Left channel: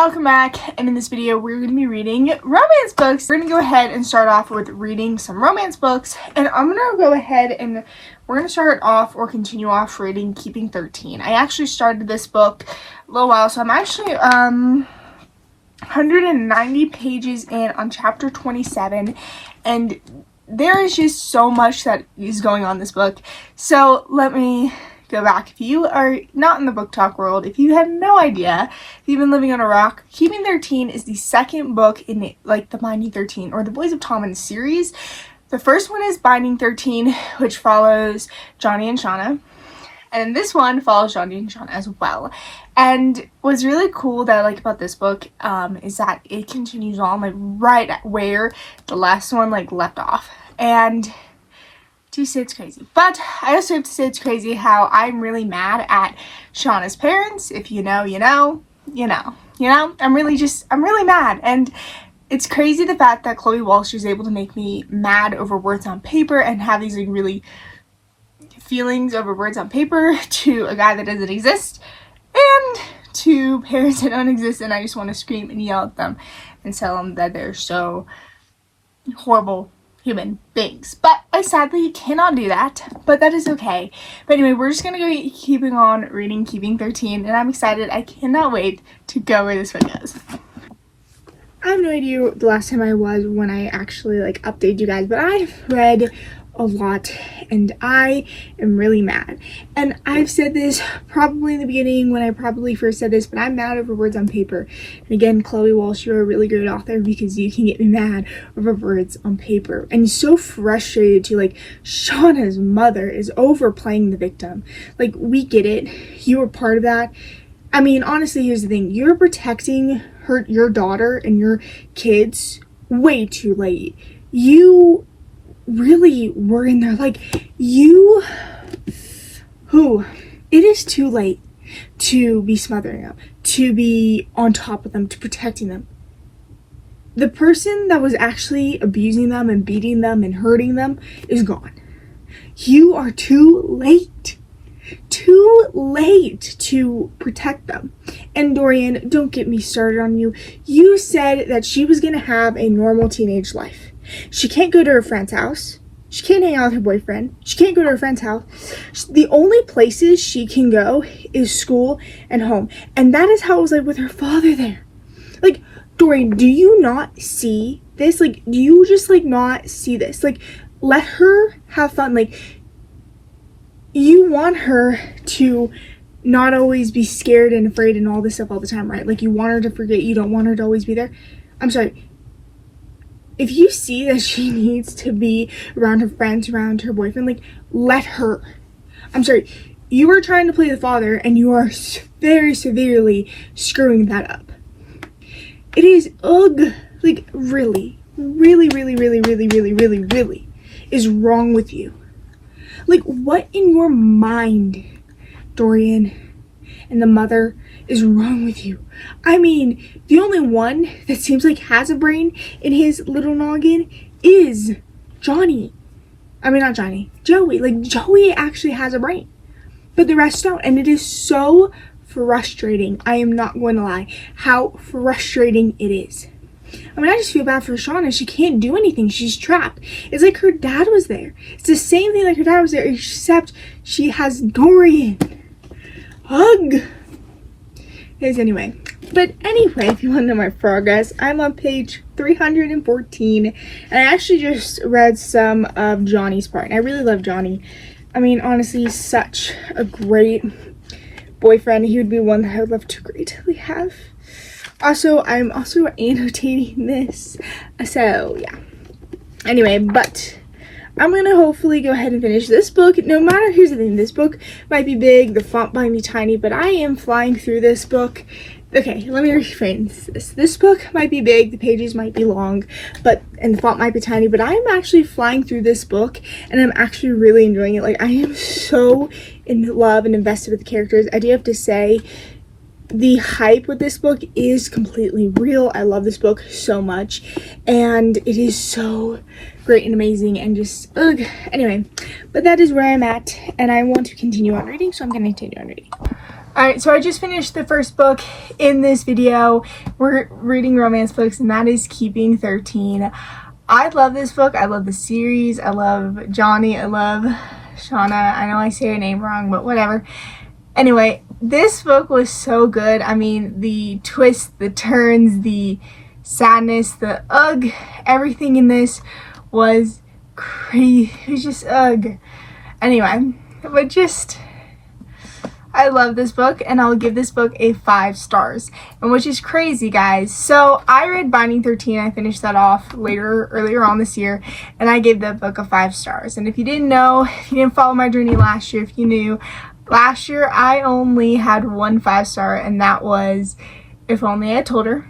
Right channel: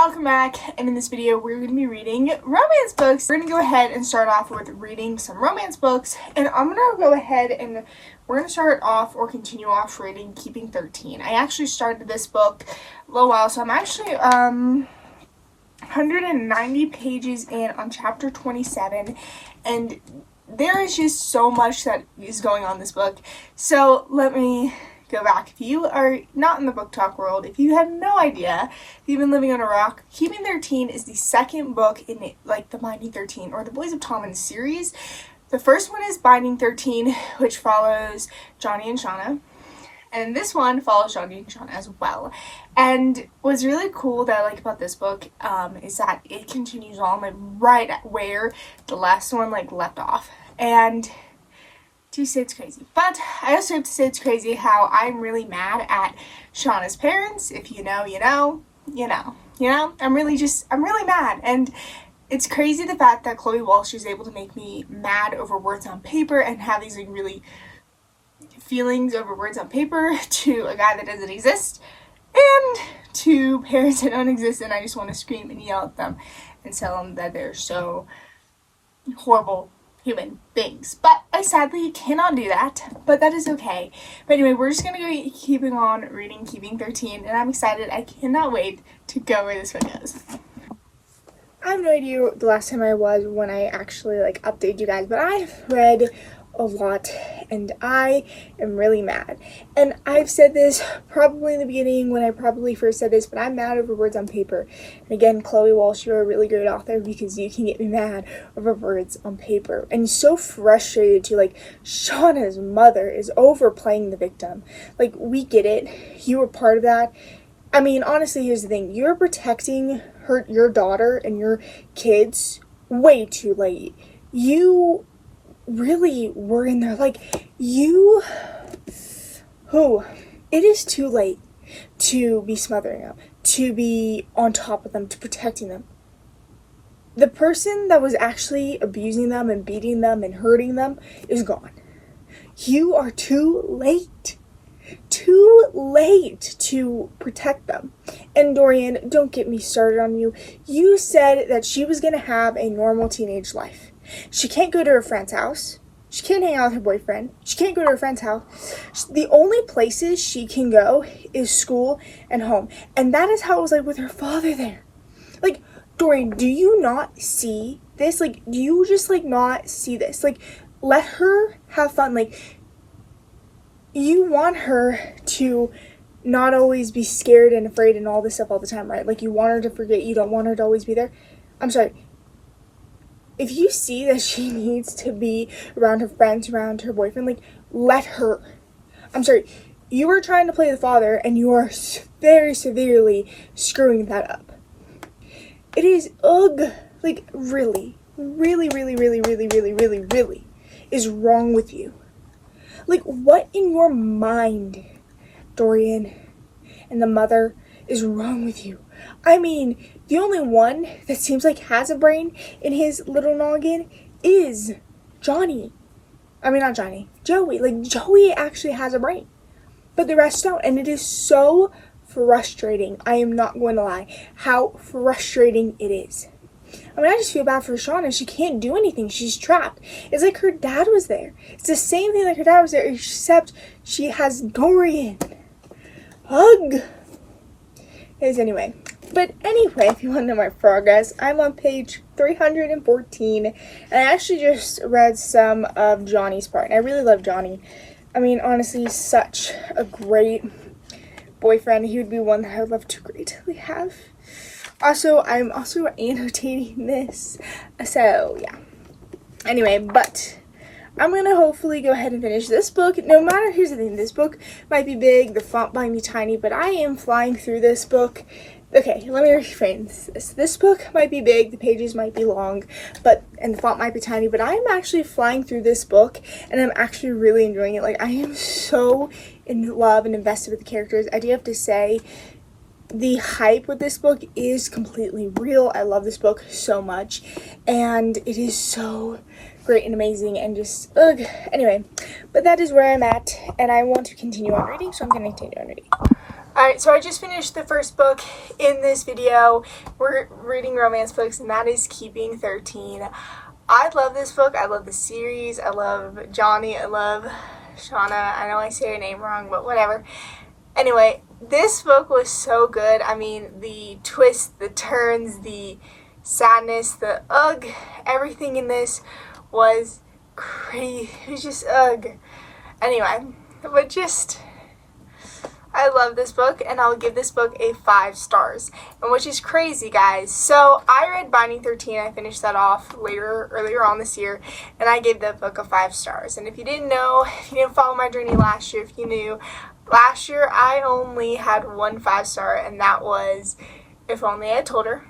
welcome back, and in this video we're going to be reading romance books. We're going to go ahead and start off with reading some romance books, and I'm going to go ahead and we're going to start off or continue off reading Keeping 13. I actually started this book a little while, so I'm actually 190 pages in on chapter 27, and there is just so much that is going on in this book. So let me go back. If you are not in the book talk world, if you had no idea, if you've been living on a rock, Keeping 13 is the second book in the Binding 13 or the Boys of Tommen series. The first one is Binding 13, which follows Johnny and Shauna, and this one follows Johnny and Shauna as well. And what's really cool that I like about this book is that it continues on right at where the last one left off. And to say it's crazy, but I also have to say it's crazy how I'm really mad at Shauna's parents. If you know, you know, you know, you know. I'm really mad, and it's crazy the fact that Chloe Walsh was able to make me mad over words on paper and have these really feelings over words on paper to a guy that doesn't exist and to parents that don't exist, and I just want to scream and yell at them and tell them that they're so horrible human beings. But I sadly cannot do that, but that is okay. But anyway, we're just gonna go keeping on reading Keeping 13, and I'm excited. I cannot wait to go where this one goes. I have no idea the last time I was when I actually updated you guys, but I've read a lot and I am really mad. And I've said this probably in the beginning when I probably first said this, but I'm mad over words on paper. And again, Chloe Walsh, you're a really great author because you can get me mad over words on paper. And so frustrated too, Shauna's mother is overplaying the victim. We get it. You were part of that. I mean, honestly, here's the thing. You're protecting your daughter and your kids way too late. You really were in there, it is too late to be smothering them, to be on top of them, to protecting them. The person that was actually abusing them and beating them and hurting them is gone. You are too late to protect them. And Dorian, don't get me started on you. You said that she was going to have a normal teenage life. She can't go to her friend's house. She can't hang out with her boyfriend. She can't go to her friend's house. The only places she can go is school and home. And that is how it was with her father there. Dorian, do you not see this? Do you just not see this? Let her have fun. You want her to not always be scared and afraid and all this stuff all the time, right? You want her to forget. You don't want her to always be there. I'm sorry. If you see that she needs to be around her friends, around her boyfriend, let her. I'm sorry. You are trying to play the father, and you are very severely screwing that up. It is, really is wrong with you. What in your mind, Dorian, and the mother is wrong with you? I mean, the only one that seems has a brain in his little noggin is Johnny. I mean, not Johnny. Joey. Joey actually has a brain. But the rest don't. And it is so frustrating. I am not going to lie. How frustrating it is. I mean, I just feel bad for Shauna. She can't do anything. She's trapped. It's her dad was there. It's the same thing her dad was there, except she has Dorian. Ugh. Anyway, if you want to know my progress, I'm on page 314, and I actually just read some of Johnny's part, and I really love Johnny. I mean, honestly, he's such a great boyfriend. He would be one that I would love to greatly have. Also, I'm also annotating this, so yeah. Anyway, but I'm gonna hopefully go ahead and finish this book. No matter, here's the thing, this book might be big, the font might be tiny, but I am flying through this book. Okay, let me reframe this. This book might be big, the pages might be long, and the font might be tiny, but I'm actually flying through this book, and I'm actually really enjoying it. I am so in love and invested with the characters. I do have to say, the hype with this book is completely real. I love this book so much, and it is so great and amazing, and just, anyway, but that is where I'm at, and I want to continue on reading, so I'm going to continue on reading. Alright, so I just finished the first book in this video. We're reading romance books, and that is Keeping 13. I love this book. I love the series. I love Johnny. I love Shauna. I know I say her name wrong, but whatever. Anyway, this book was so good. I mean, the twists, the turns, the sadness, the ugh, everything in this was crazy. It was just ugh. Anyway, but just... I love this book, and I'll give this book a 5 stars, and which is crazy, guys. So I read Binding 13. I finished that off earlier on this year, and I gave that book a 5 stars. And if you didn't know, if you didn't follow my journey last year, if you knew, last year I only had 1 5-star, and that was If Only I Told Her.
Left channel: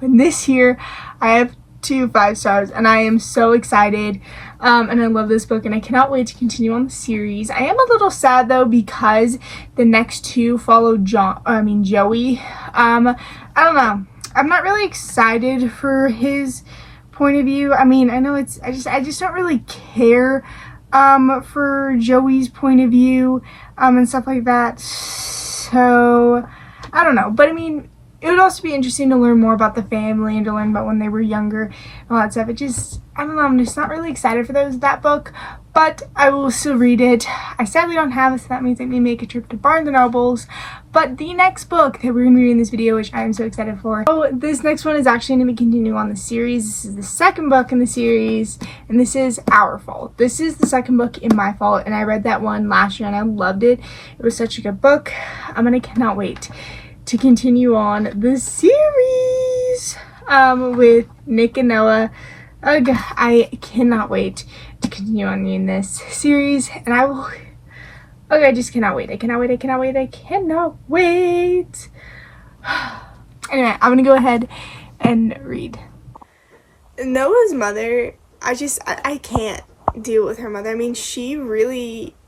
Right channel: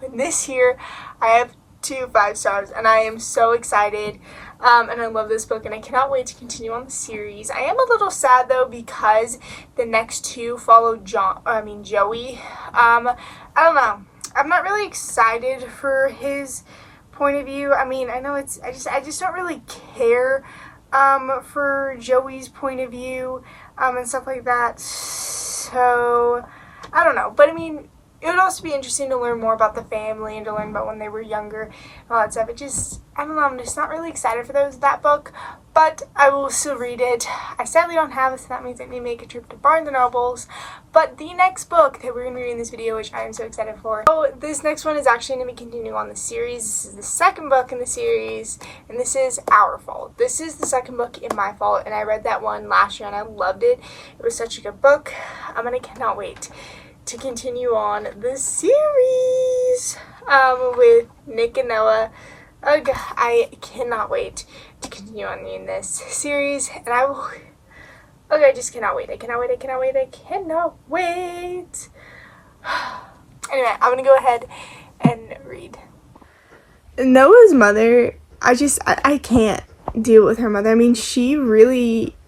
And this year I have 2 5 stars, and I am so excited. And I love this book, and I cannot wait to continue on the series. I am a little sad though because the next 2 follow Joey. I don't know. I'm not really excited for his point of view. I mean, I know I just don't really care for Joey's point of view and stuff like that. So I don't know, but I mean, it would also be interesting to learn more about the family and to learn about when they were younger and all that stuff. I don't know, I'm just not really excited for that book, but I will still read it. I sadly don't have it, so that means I need to make a trip to Barnes & Nobles. But the next book that we're going to be reading in this video, which I am so excited for. So this next one is actually going to be continuing on the series. This is the second book in the series, and this is Our Fault. This is the second book in My Fault, and I read that one last year, and I loved it. It was such a good book. Cannot wait to continue on the series with Nick and Noah. I cannot wait to continue on reading this series, and I just cannot wait. I cannot wait. Anyway, I'm gonna go ahead and read. Noah's mother, I can't deal with her mother. I mean,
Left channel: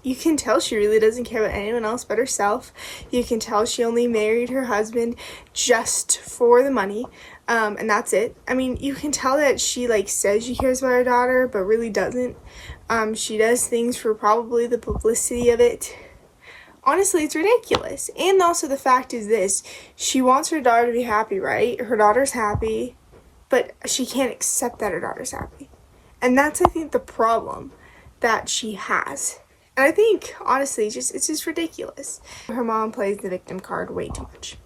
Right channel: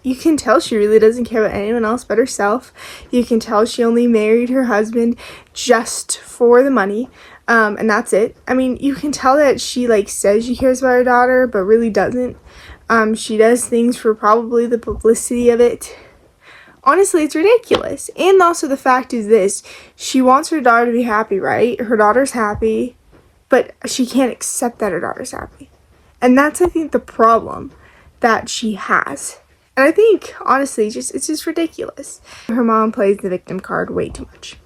you can tell she really doesn't care about anyone else but herself. You can tell she only married her husband just for the money, and that's it. I mean, you can tell that she says she cares about her daughter, but really doesn't. She does things for probably the publicity of it. Honestly, it's ridiculous. And also the fact is this, she wants her daughter to be happy, right? Her daughter's happy, but she can't accept that her daughter's happy. And that's, I think, the problem that she has. And I think, honestly, it's just ridiculous. Her mom plays the victim card way too much.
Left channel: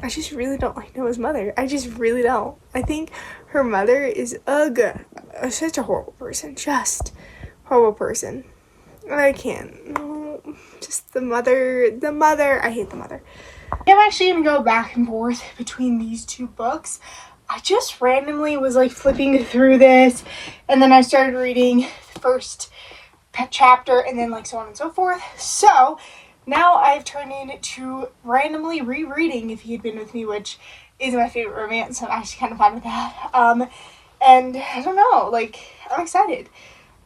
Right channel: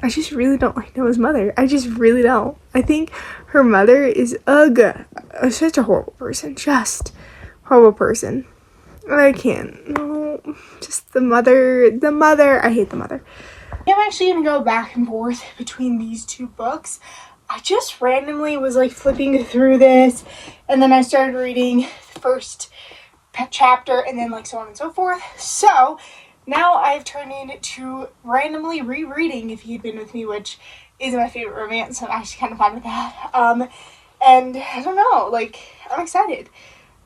I just really don't like Noah's mother. I just really don't. I think her mother is such a horrible person. Just horrible person. I can't. No. Just the mother. I hate the mother. I'm actually going to go back and forth between these 2 books. I just randomly was flipping through this, and then I started reading the first chapter, and then so on and so forth. So now I've turned into randomly rereading If You'd Been With Me, which is my favorite romance, so I'm actually kind of fun with that. And I don't know, I'm excited.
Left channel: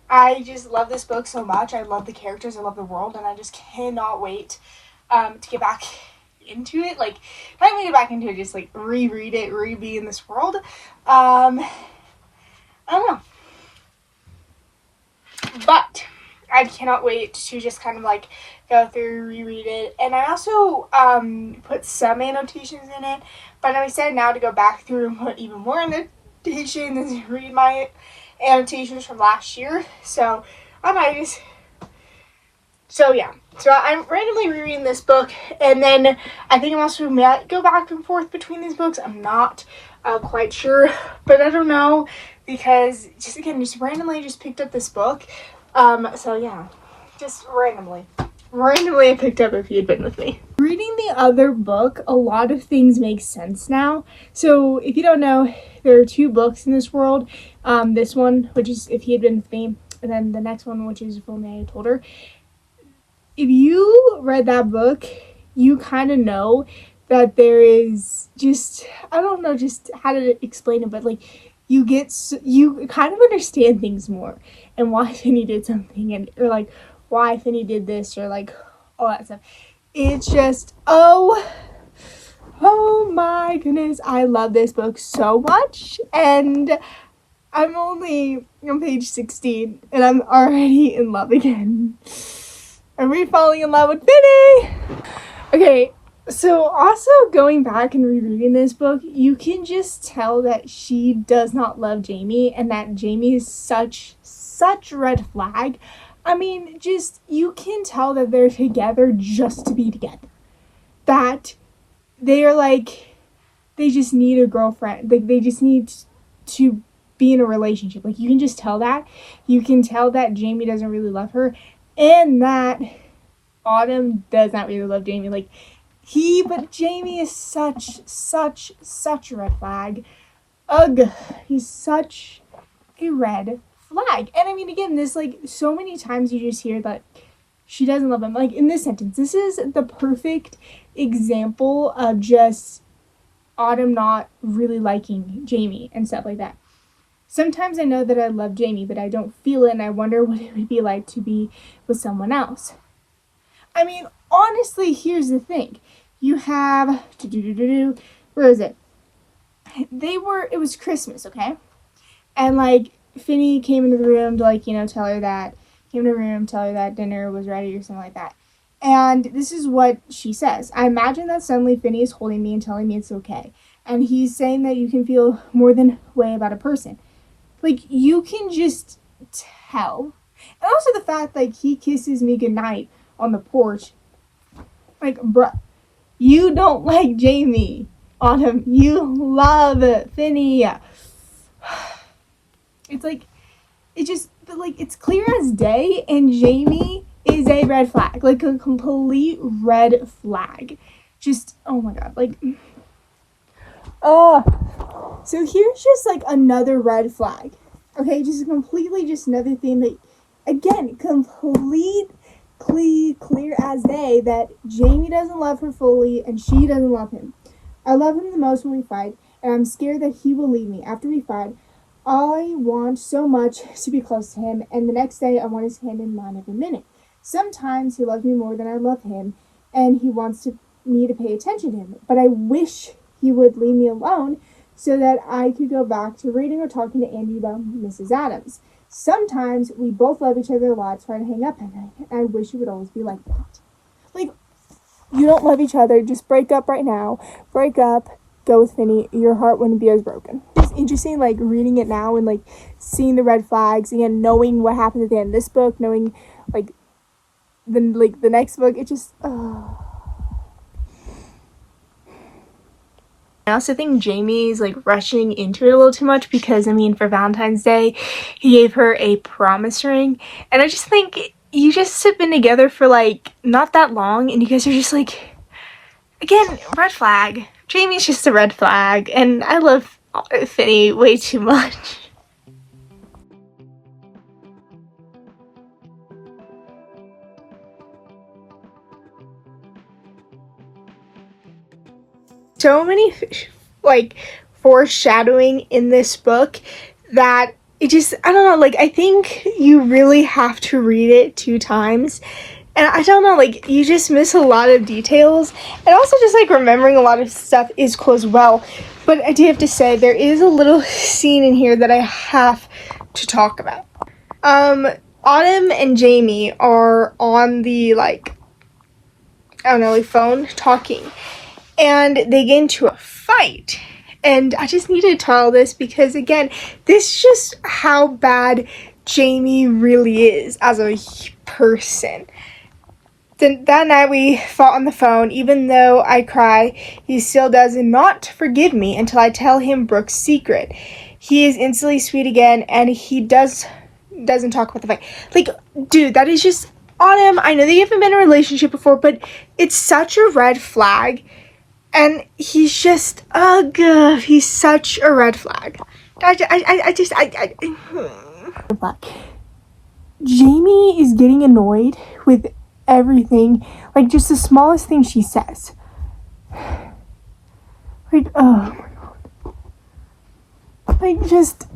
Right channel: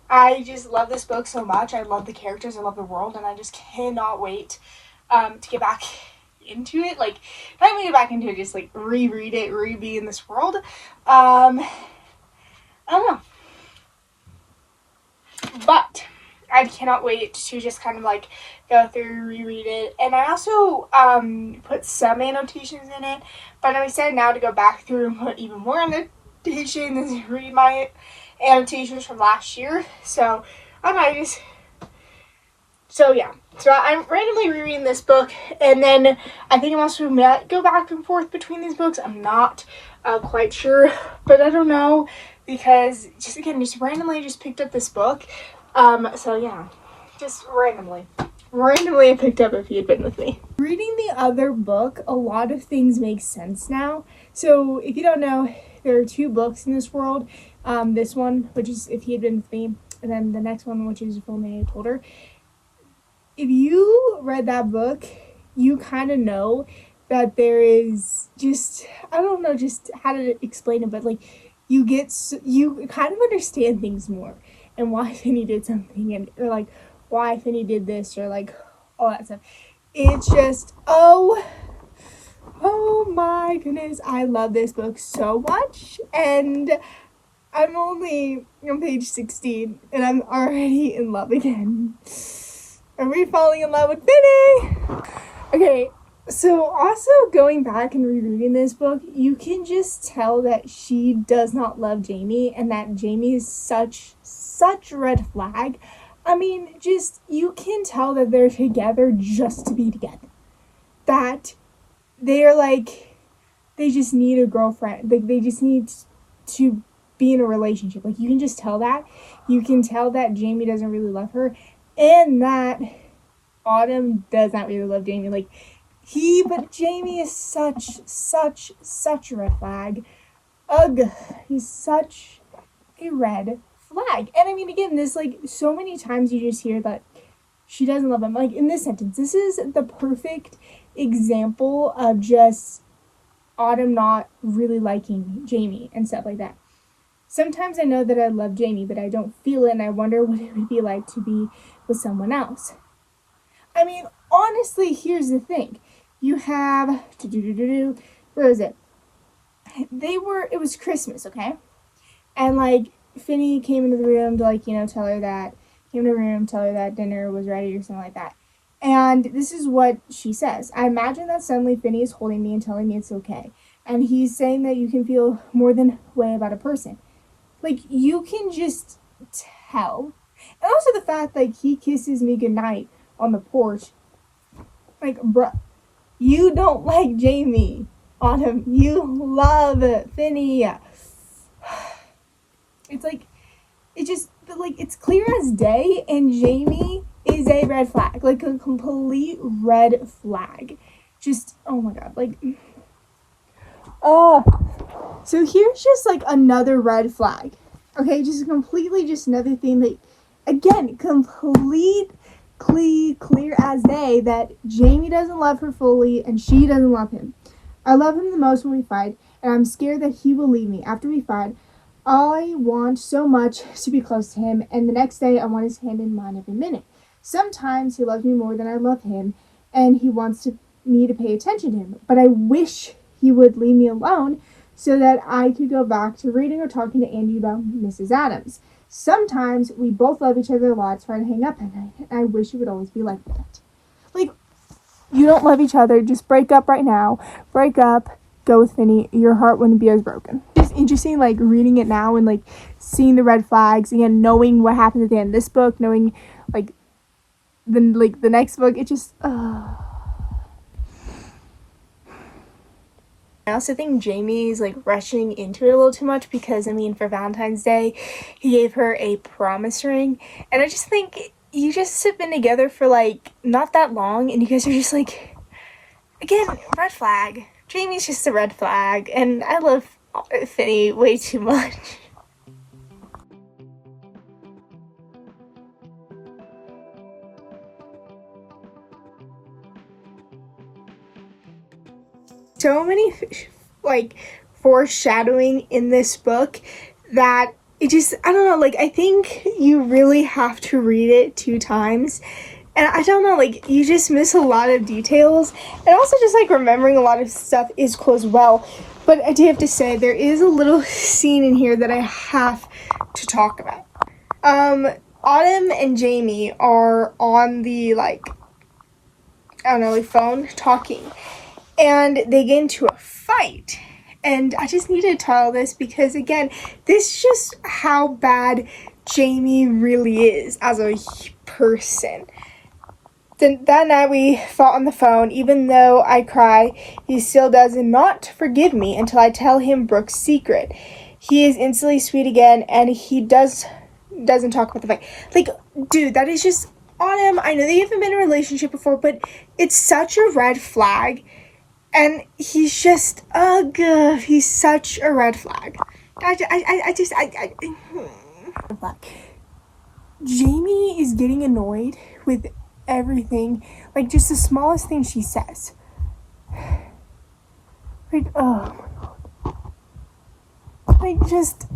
I just love this book so much. I love the characters, I love the world, and I just cannot wait to get back into it. Not even get back into it, just reread it, be in this world. I don't know. But I cannot wait to just kind of go through, reread it. And I also put some annotations in it, but I'm excited now to go back through and put even more annotations and read my annotations from last year. So yeah. So I'm randomly rereading this book, and then I think I'm also might go back and forth between these books. I'm not quite sure, but I don't know, because just randomly picked up this book. So yeah, just randomly I picked up If You'd Been With Me. Reading the other book, a lot of things make sense now. So if you don't know, there are 2 books in this world. This one, which is If He Had Been With Me, and then the next one, which is If Only I Told Her. If you read that book, you kind of know that there is I don't know just how to explain it, but you kind of understand things more, and why Finney did something, or why Finney did this, or all that stuff. It's just, oh my goodness, I love this book so much, and I'm only on page 16, and I'm already in love again. Are we falling in love with Finny? Okay, so also going back and rereading this book, you can just tell that she does not love Jamie and that Jamie is such a red flag. I mean, just, you can tell that they're together just to be together. That they're like, they just need a girlfriend. Like, they just need to be in a relationship. Like, you can just tell that. You can tell that Jamie doesn't really love her and that Autumn does not really love Jamie. Like, but Jamie is such a red flag. Ugh, he's such a red flag. And I mean, again, this, like, so many times you just hear that she doesn't love him. Like, in this sentence, this is the perfect example of just Autumn not really liking Jamie and stuff like that. Sometimes I know that I love Jamie, but I don't feel it, and I wonder what it would be like to be with someone else. I mean, honestly, here's the thing. You have, where is it? It was Christmas, okay? And, like, Finny came into the room to, like, tell her that dinner was ready or something like that. And this is what she says. I imagine that suddenly Finny is holding me and telling me it's okay. And he's saying that you can feel more than way about a person. Like, you can just tell. And also the fact, like, he kisses me goodnight on the porch. Like, bruh, you don't like Jamie, Autumn. You love Finny. It's like, it's clear as day, and Jamie is a red flag. Like, a complete red flag. Just, oh my god, like, so here's just, like, another red flag. Okay, just another thing that, again, clear as day that Jamie doesn't love her fully and she doesn't love him. I love him the most when we fight, and I'm scared that he will leave me after we fight. I want so much to be close to him, and the next day I want his hand in mine every minute. Sometimes he loves me more than I love him, and he wants me to pay attention to him, but I wish he would leave me alone so that I could go back to reading or talking to Andy about Mrs. Adams. Sometimes we both love each other a lot, try to hang up at night, and I wish it would always be like that. Like, you don't love each other, just break up right now. Break up, go with Finny, your heart wouldn't be as broken. It's interesting, like, reading it now and, like, seeing the red flags, again, knowing what happens at the end of this book, knowing, like, the next book, it just, I also think Jamie's, like, rushing into it a little too much because, I mean, for Valentine's Day, he gave her a promise ring. And I just think you just have been together for, like, not that long, and you guys are just, like, again, red flag. Jamie's just a red flag, and I love Finny way too much. So many, like, foreshadowing in this book that it just, I don't know, like, I think you really have to read it 2 times. And I don't know, like, you just miss a lot of details. And also just, like, remembering a lot of stuff is cool as well. But I do have to say, there is a little scene in here that I have to talk about. Autumn and Jamie are on the, like, I don't know, like, phone talking. And they get into a fight. And I just need to tell this because, again, this is just how bad Jamie really is as a person. That night we fought on the phone. Even though I cry, he still does not forgive me until I tell him Brooke's secret. He is instantly sweet again, and he doesn't talk about the fight. Like, dude, that is just Autumn. I know they haven't been in a relationship before, but it's such a red flag. And he's just, he's such a red flag. Jamie is getting annoyed with everything, like, just the smallest thing she says. Like, oh my god. Like, just,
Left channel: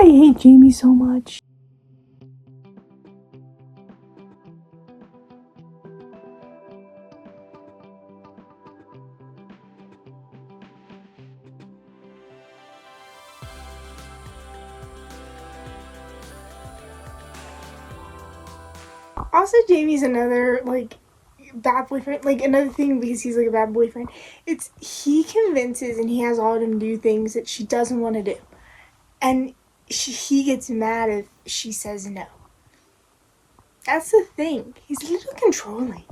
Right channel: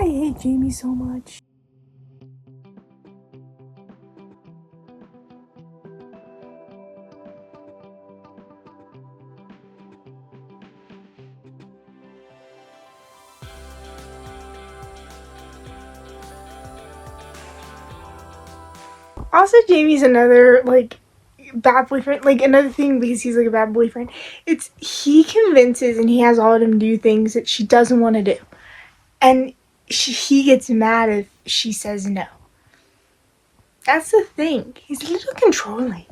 I hate Jamie so much. Also, Jamie's another, like, bad boyfriend. Like, another thing, because he's, like, a bad boyfriend, it's he convinces and he has Autumn do things that she doesn't want to do. And he gets mad if she says no. That's the thing. He's a little controlling.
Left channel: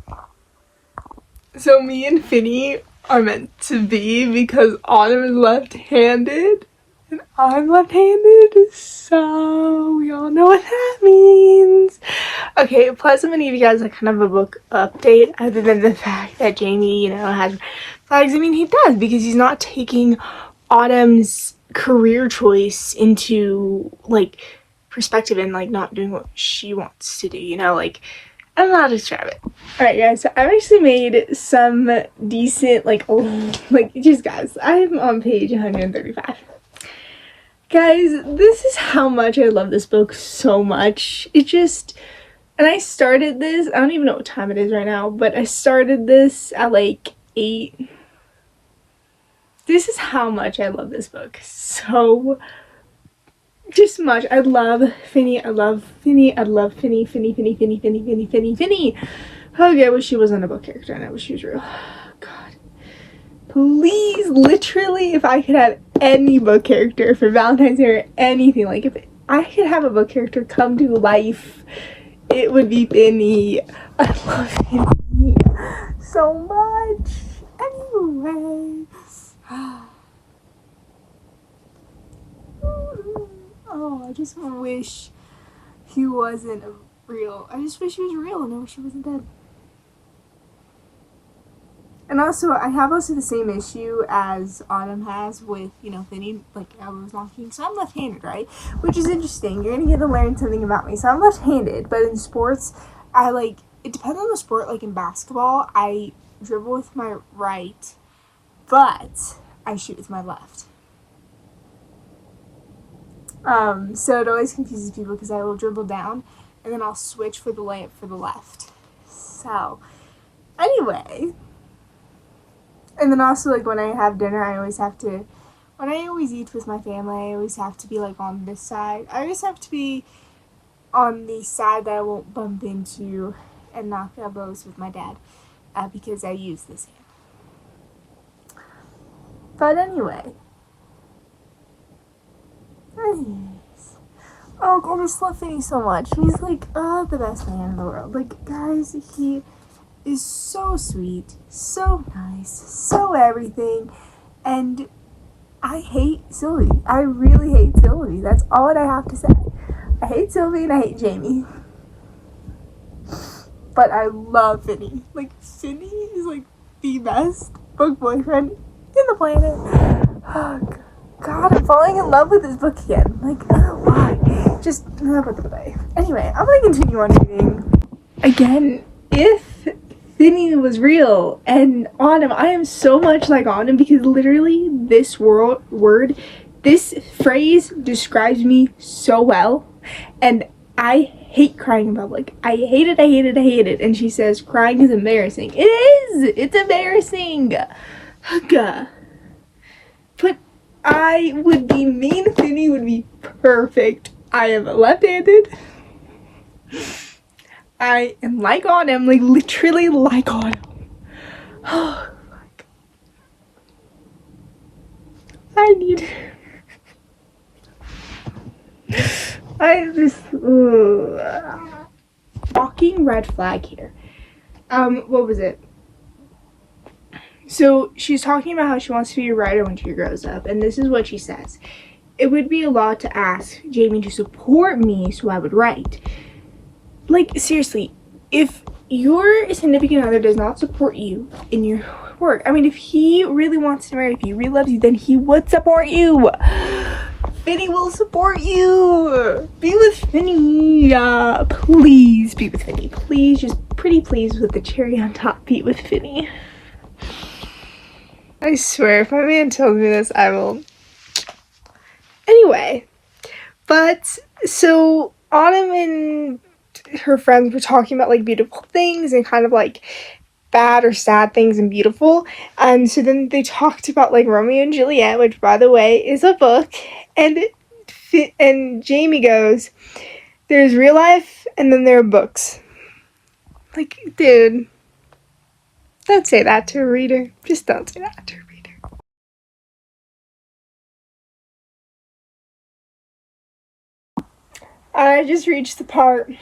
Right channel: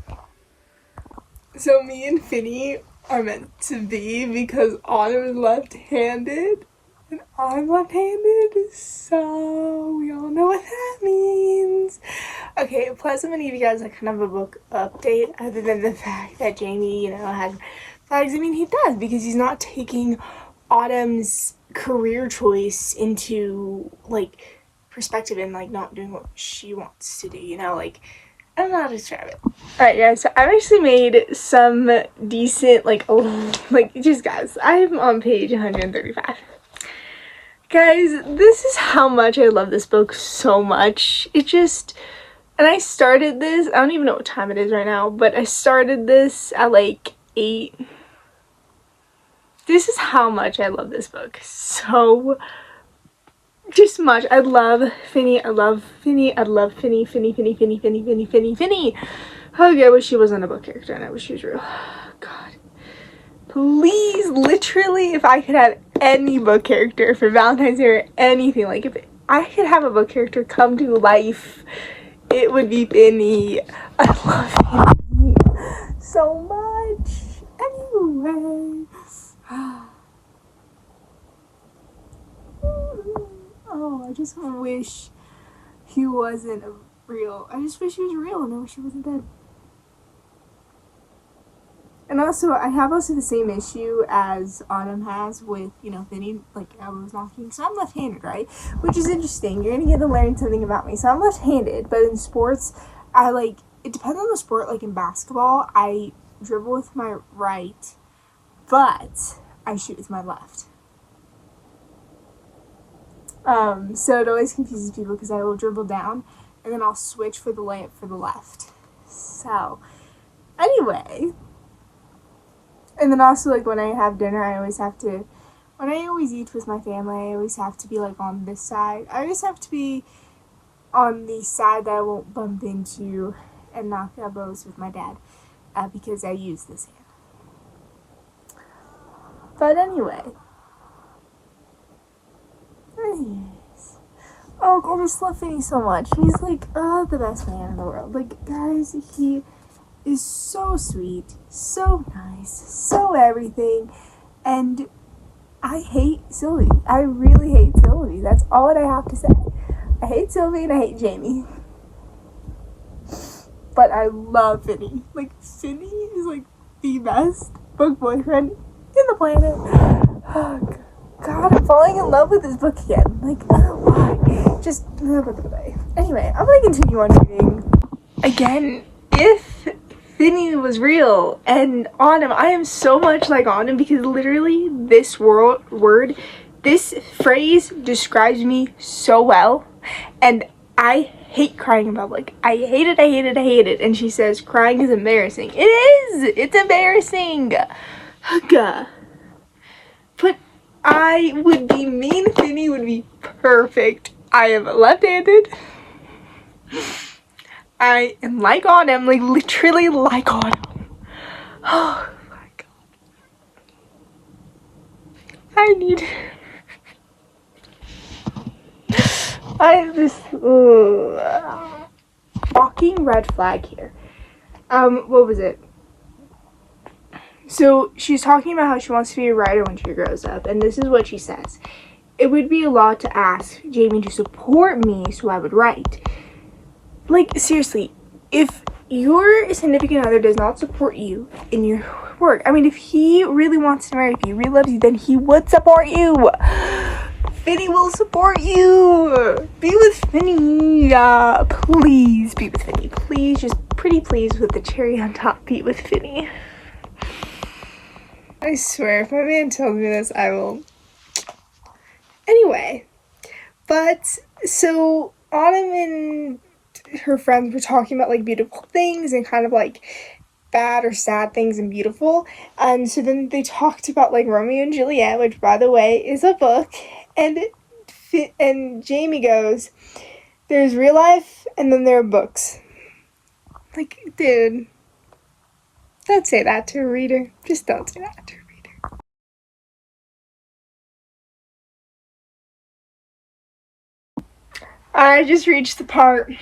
So me and Finny are meant to be because Autumn is left-handed and I'm left-handed, so we all know what that means. Okay, plus I'm gonna give you guys like kind of a book update, other than the fact that Jamie, you know, has flags. I mean, he does, because he's not taking Autumn's career choice into like perspective and like not doing what she wants to do, you know, like, I don't know how to describe it. Alright guys, so I've actually made some decent, like just guys, I'm on page 135. Guys, this is how much I love this book so much. It just, and I started this, I don't even know what time it is right now, but I started this at like 8. This is how much I love this book. So just much. I love Finny. I love Finny. I love Finny. Finny. Okay, I wish she wasn't a book character and I wish she was real. God. Please, literally, if I could have any book character for Valentine's Day or anything, like if I could have a book character come to life, it would be Finny. I love Finny so much. Anyway. Oh, I just wish he wasn't real. I just wish he was real and I wish he wasn't dead. And also, I have also the same issue as Autumn has with, you know, Finny, like I was knocking. So I'm left-handed, right? Which is interesting. You're gonna get to learn something about me. So I'm left-handed, but in sports, I like, it depends on the sport. Like in basketball, I dribble with my right, but I shoot with my left. So it always confuses people because I will dribble down and then I'll switch for the layup for the left. So, anyway. And then also, like, when I have dinner, I always have to, when I always eat with my family, I always have to be, like, on this side. I always have to be on the side that I won't bump into and knock elbows with my dad, because I use this hand. But anyway. Anyways. Oh, I just love Finny so much. He's, like, the best man in the world. Like, guys, he is so sweet, so nice, so everything, and I hate Sylvie. I really hate Sylvie. That's all that I have to say. I hate Sylvie and I hate Jamie. But I love Finny. Like, Finny is, like, the best book boyfriend in the planet. Oh, God, I'm falling in love with this book again. Like, I don't know why. Just another book of the day. Anyway, I'm gonna continue on reading. Again, if Finny was real and Autumn, I am so much like Autumn because literally this this phrase describes me so well, and I hate crying in public. I hate it, I hate it, I hate it. And she says crying is embarrassing. It is! It's embarrassing! But I would be mean. Finny would be perfect. I am left-handed. I am like Autumn, like literally like Autumn. Oh my God. I have this fucking red flag here. What was it? So she's talking about how she wants to be a writer when she grows up, and this is what she says. It would be a lot to ask Jamie to support me so I would write. Like, seriously, if your significant other does not support you in your work, I mean, if he really wants to marry, if he really loves you, then he would support you. Finny will support you. Be with Finny. Please be with Finny. Please, just pretty please with the cherry on top, be with Finny. I swear, if my man tells me this, I will. Anyway, but, so, Autumn and her friends were talking about, like, beautiful things and kind of, like, bad or sad things and beautiful. And so then they talked about, like, Romeo and Juliet, which, by the way, is a book. And Jamie goes, there's real life and then there are books. Like, dude, don't say that to a reader. Just don't say that to a reader. I just reached the part.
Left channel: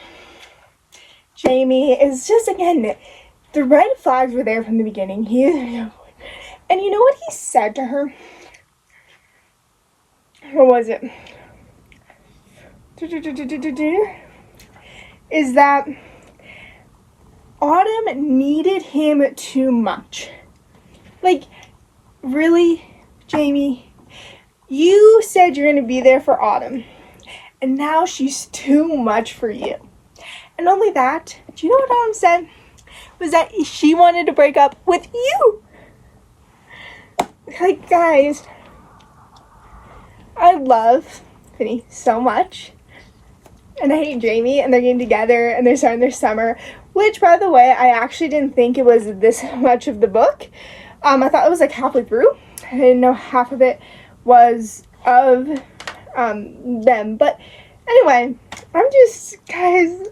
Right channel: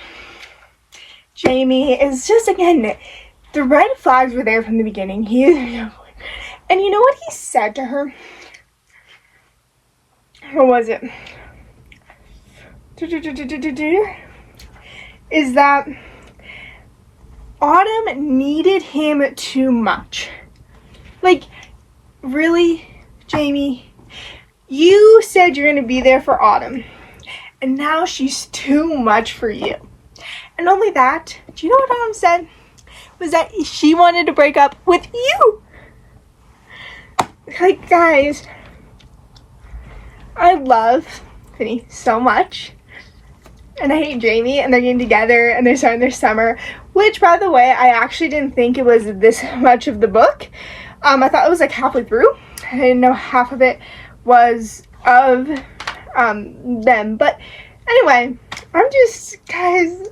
Jamie is just, again, the red flags were there from the beginning. He is, and you know what he said to her? What was it? Is that Autumn needed him too much. Like, really, Jamie? You said you're going to be there for Autumn, and now she's too much for you. And only that, do you know what Autumn said? Was that she wanted to break up with you. Like, guys, I love Finny so much. And I hate Jamie, and they're getting together, and they're starting their summer. Which, by the way, I actually didn't think it was this much of the book. I thought it was like halfway through. I didn't know half of it was of them. But anyway, I'm just, guys,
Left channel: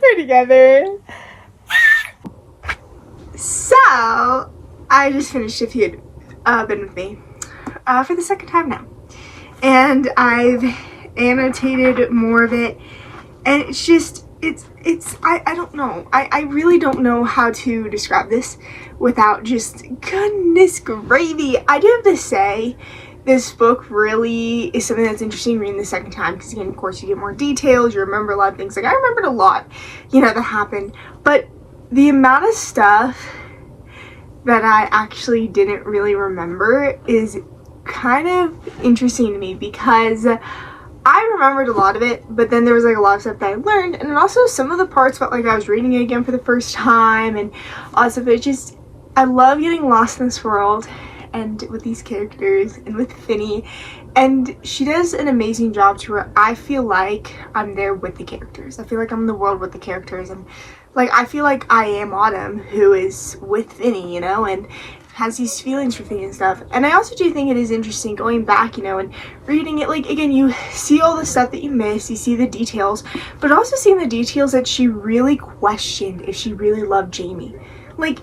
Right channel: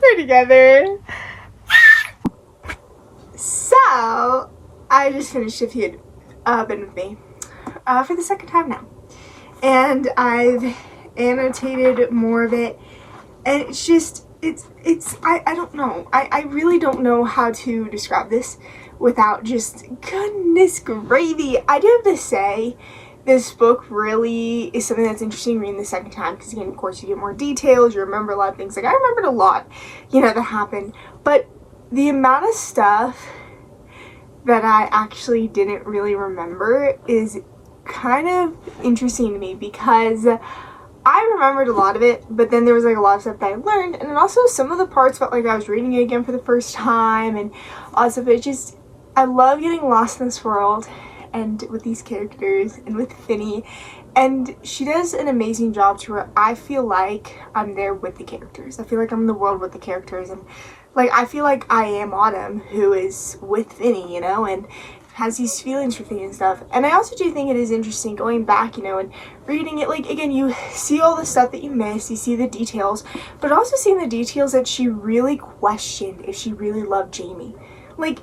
we're together. So, I just finished If You'd Been With Me for the second time now. And I've annotated more of it, and it's just, I don't know. I really don't know how to describe this without just, goodness gravy. I do have to say, this book really is something that's interesting reading the second time, because again, of course, you get more details, you remember a lot of things. Like, I remembered a lot, that happened, but the amount of stuff that I actually didn't really remember is kind of interesting to me, because I remembered a lot of it, but then there was like a lot of stuff that I learned, and then also some of the parts felt like I was reading it again for the first time, and all stuff. It just, I love getting lost in this world, and with these characters, and with Finny, and she does an amazing job to where I feel like I'm there with the characters. I feel like I'm in the world with the characters, and like, I feel like I am Autumn, who is with Finny, and has these feelings for Finny and stuff. And I also do think it is interesting going back, and reading it. Like, again, you see all the stuff that you miss, you see the details, but also seeing the details that she really questioned if she really loved Jamie. Like,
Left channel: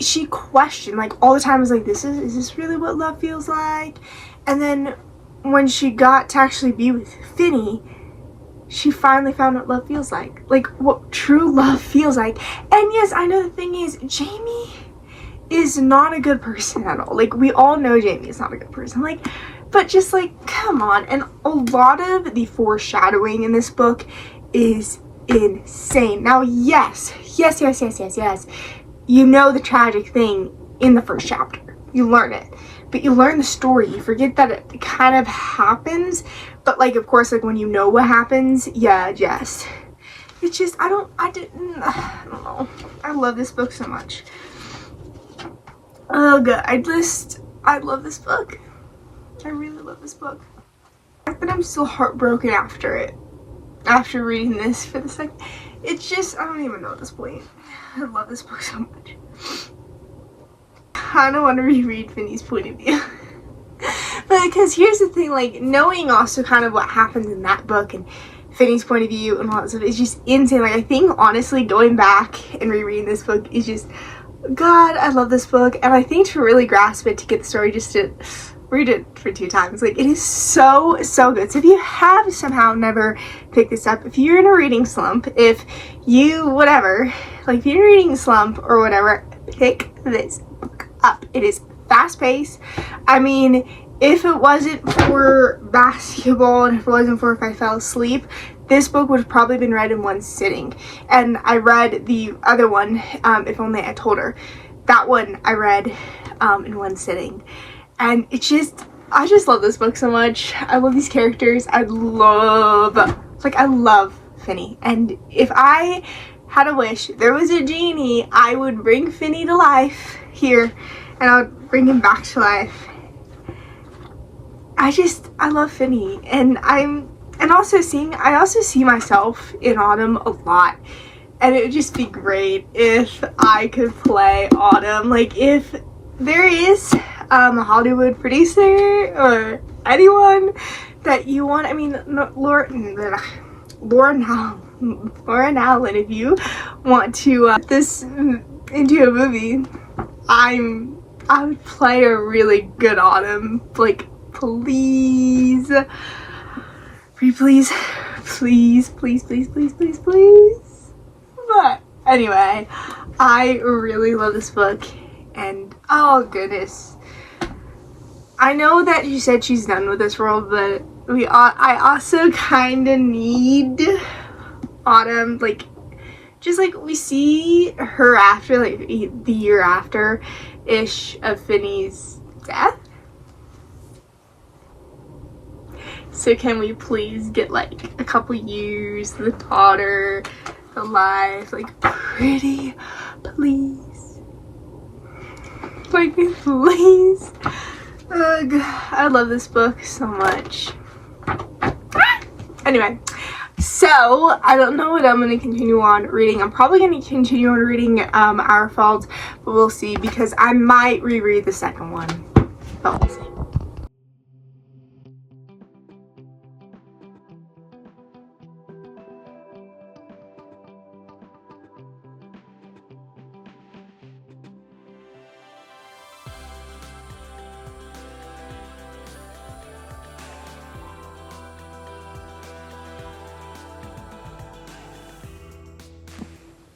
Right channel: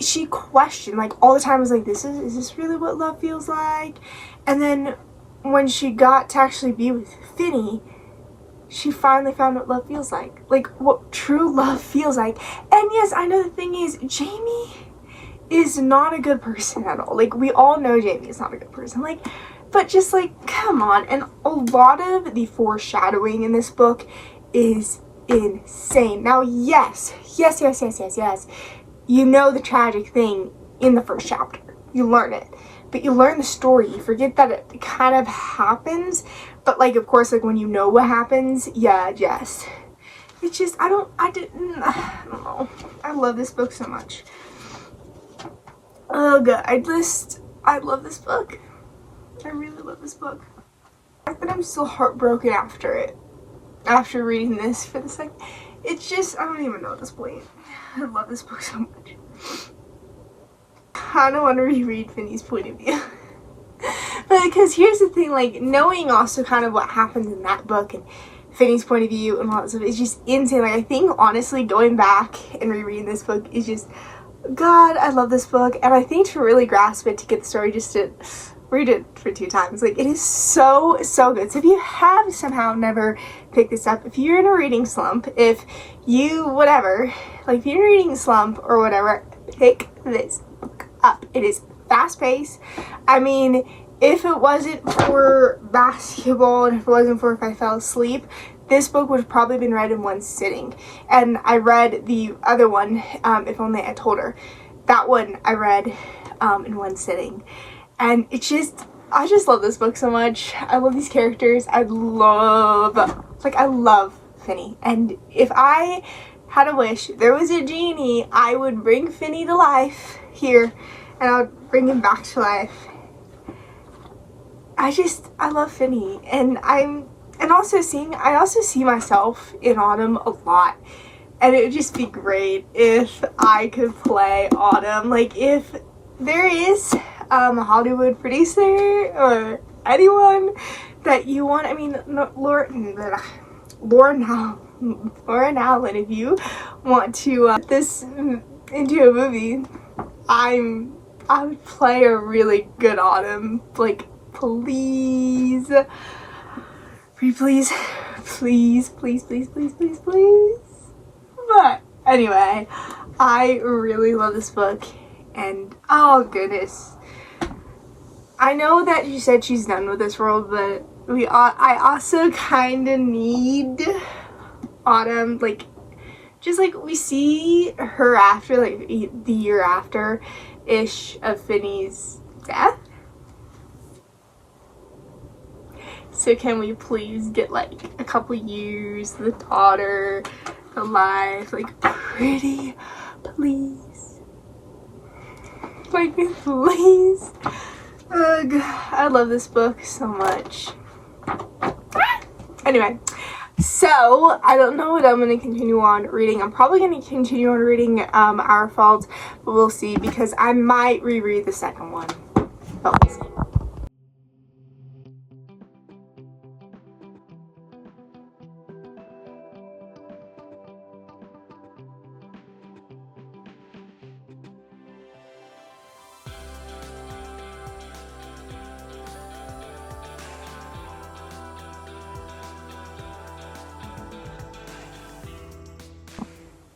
she questioned, like, all the time, was like, is this really what love feels like? And then when she got to actually be with Finny, she finally found what love feels like what true love feels like. And yes, I know the thing is, Jamie is not a good person at all. Like, we all know Jamie is not a good person. Like, but just like, come on. And a lot of the foreshadowing in this book is insane. Now, yes. You know the tragic thing in the first chapter. You learn it. But you learn the story. You forget that it kind of happens. But, like, of course, like, when you know what happens, yeah, just, it's just, I don't know. I love this book so much. Oh god, I love this book. I really love this book. I think I'm still heartbroken after reading this for the second. It's just, I don't even know at this point. I love this book so much. I don't want to reread Finny's point of view. But because here's the thing, like, knowing also kind of what happens in that book and Finny's point of view and all that stuff, it's just insane. Like, I think honestly going back and rereading this book is just, God, I love this book. And I think to really grasp it, to get the story, just to read it for 2 times. Like, it is so good. So if you have somehow never picked this up, if you're in a reading slump, if you, whatever, like, if you're in a reading slump or whatever, pick this book up. It is fast-paced. I mean, if it wasn't for basketball and if it wasn't for if I fell asleep, this book would have probably been read in one sitting. And I read the other one, If Only I Told Her. That one I read in one sitting. And it's just, I just love this book so much. I love these characters. I love Finny. And if I had a wish, there was a genie, I would bring Finny to life here. And I would bring him back to life. I love Finny. And I also see myself in Autumn a lot. And it would just be great if I could play Autumn. Like, if there is a Hollywood producer or anyone that you want, I mean, Laura Laura Nowlin, if you want to put this into a movie, I would play a really good Autumn. Like, please. Please, please, please, please, please, please, please. But anyway, I really love this book, and oh goodness. I know that she said she's done with this world, but I also kind of need Autumn, like, just like we see her after, like, the year after ish of Finney's death. So can we please get like a couple years, the daughter, the life, like, pretty, please, like, please. Ugh, I love this book so much. Anyway, so I don't know what I'm going to continue on reading. I'm probably going to continue on reading Our Fault, but we'll see, because I might reread the second one, but we'll see.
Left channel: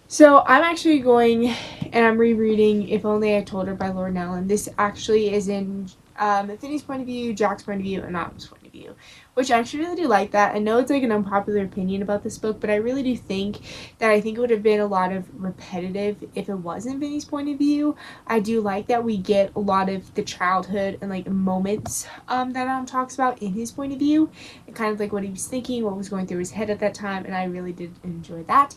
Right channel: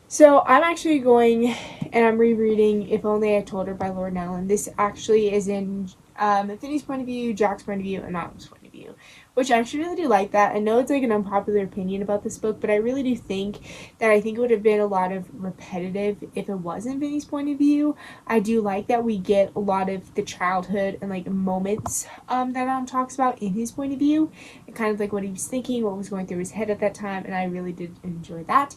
So I'm actually going and I'm rereading If Only I Told Her by Laura Nowlin. This actually is in Finney's point of view, Jack's point of view, and Autumn's point of view, which I actually really do like that. I know it's like an unpopular opinion about this book, but I really do think that it would have been a lot of repetitive if it wasn't Finney's point of view. I do like that we get a lot of the childhood and like moments that Adam talks about in his point of view, and kind of like what he was thinking, what was going through his head at that time, and I really did enjoy that.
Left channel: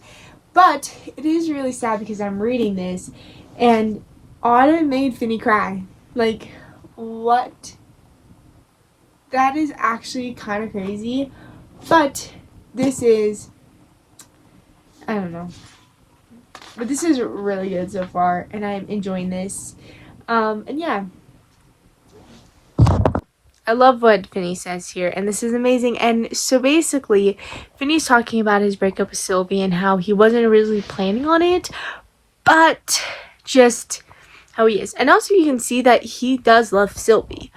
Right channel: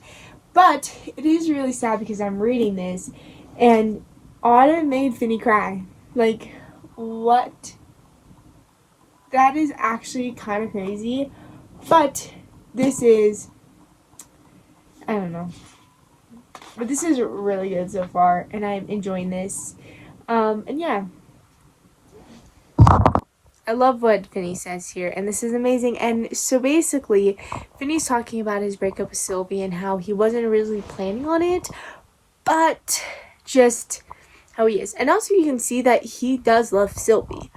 But it is really sad because I'm reading this and Autumn made Finney cry. Like, what? That is actually kind of crazy. But this is, I don't know. But this is really good so far, and I'm enjoying this. And yeah. I love what Finney says here, and this is amazing. And so basically, Finney's talking about his breakup with Sylvie and how he wasn't originally planning on it, but just how he is. And also you can see that he does love Sylvie,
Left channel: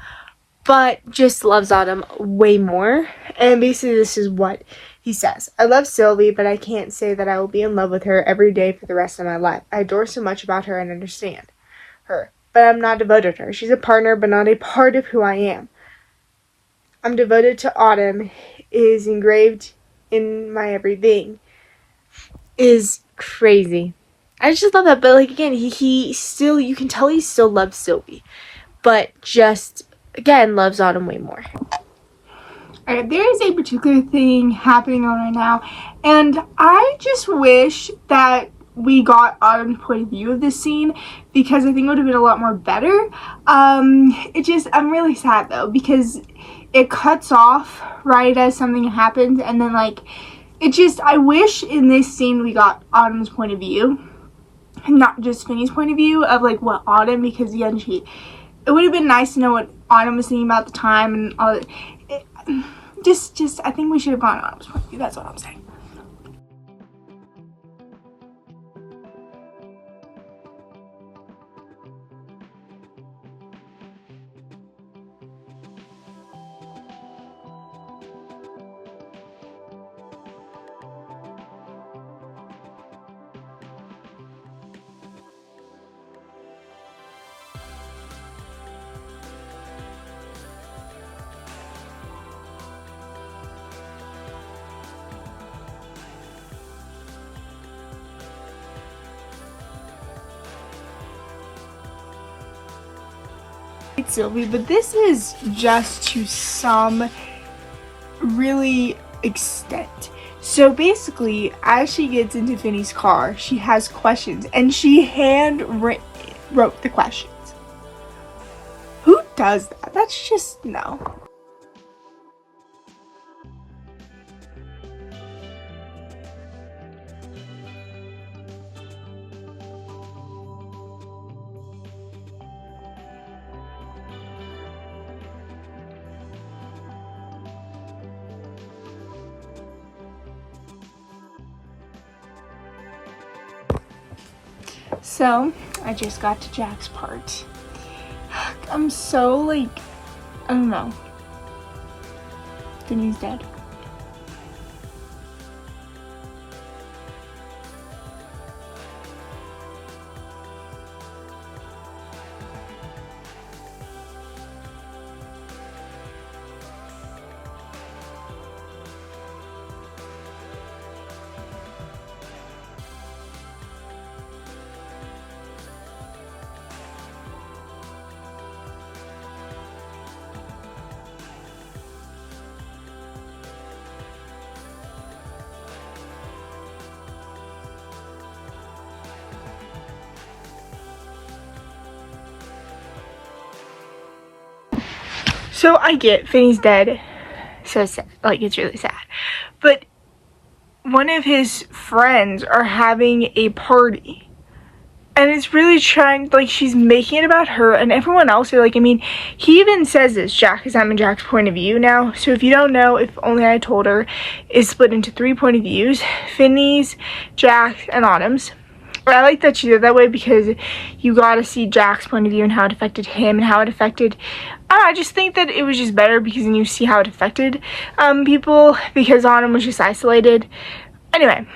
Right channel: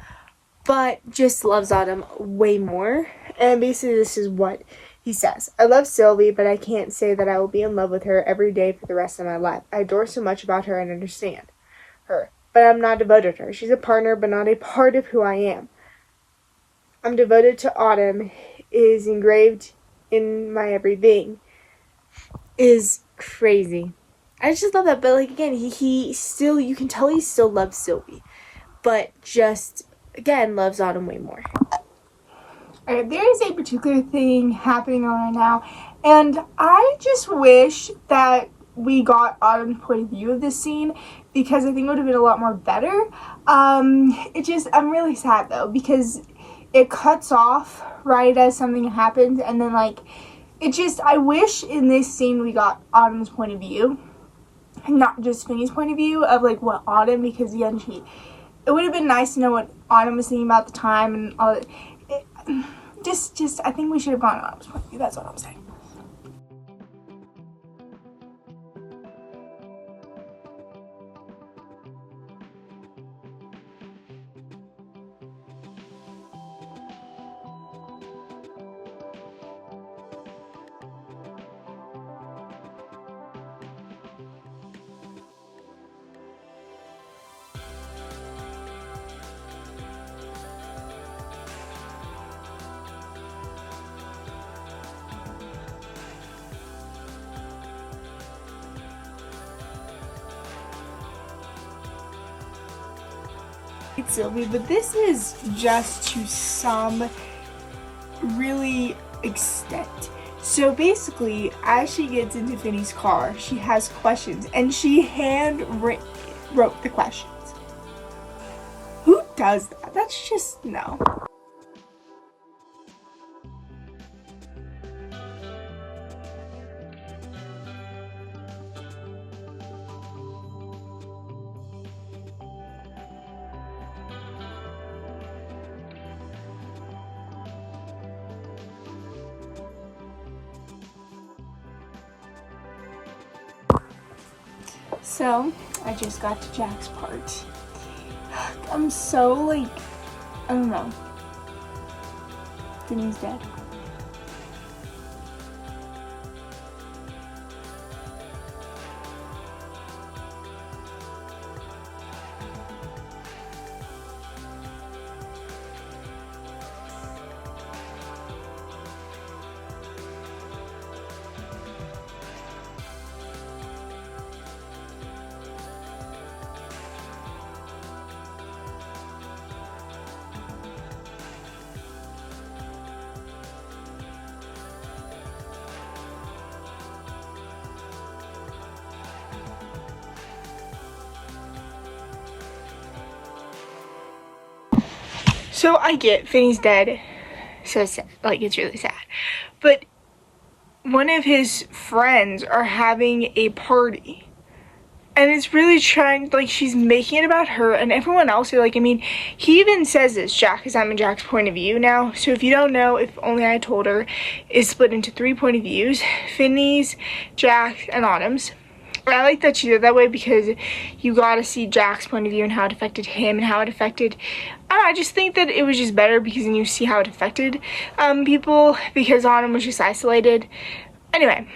but just loves Autumn way more. And basically this is what he says. I love Sylvie, but I can't say that I will be in love with her every day for the rest of my life. I adore so much about her and understand her, but I'm not devoted to her. She's a partner, but not a part of who I am. I'm devoted to Autumn is engraved in my everything is crazy. I just love that, but like again, he still, you can tell he still loves Sylvie, but just again loves Autumn way more. Alright, there is a particular thing happening on right now, and I just wish that we got Autumn's point of view of this scene, because I think it would have been a lot more better. I'm really sad though, because it cuts off right as something happens, and then like I wish in this scene we got Autumn's point of view, not just Finney's point of view of like what Autumn, because again, it would have been nice to know what Autumn was thinking about the time and all that. I think we should have gone Autumn's point of view. That's what I'm saying. Sylvie, but this is just to some really extent. So basically, as she gets into Finney's car, she has questions, and she wrote the questions. Who does that? That's just, no. So, I just got to Jack's part. I'm so, like, I don't know. Finney's dead. So I get Finney's dead, so it's sad. Like, it's really sad. But one of his friends are having a party, and it's really trying, like, she's making it about her, and everyone else are like, I mean, he even says this, Jack, because I'm in Jack's point of view now. So if you don't know, If Only I Told Her is split into 3 point of views: Finney's, Jack's, and Autumn's. I like that she did that way because you got to see Jack's point of view and how it affected him and how it affected. I just think that it was just better because then you see how it affected people, because Autumn was just isolated. Anyway,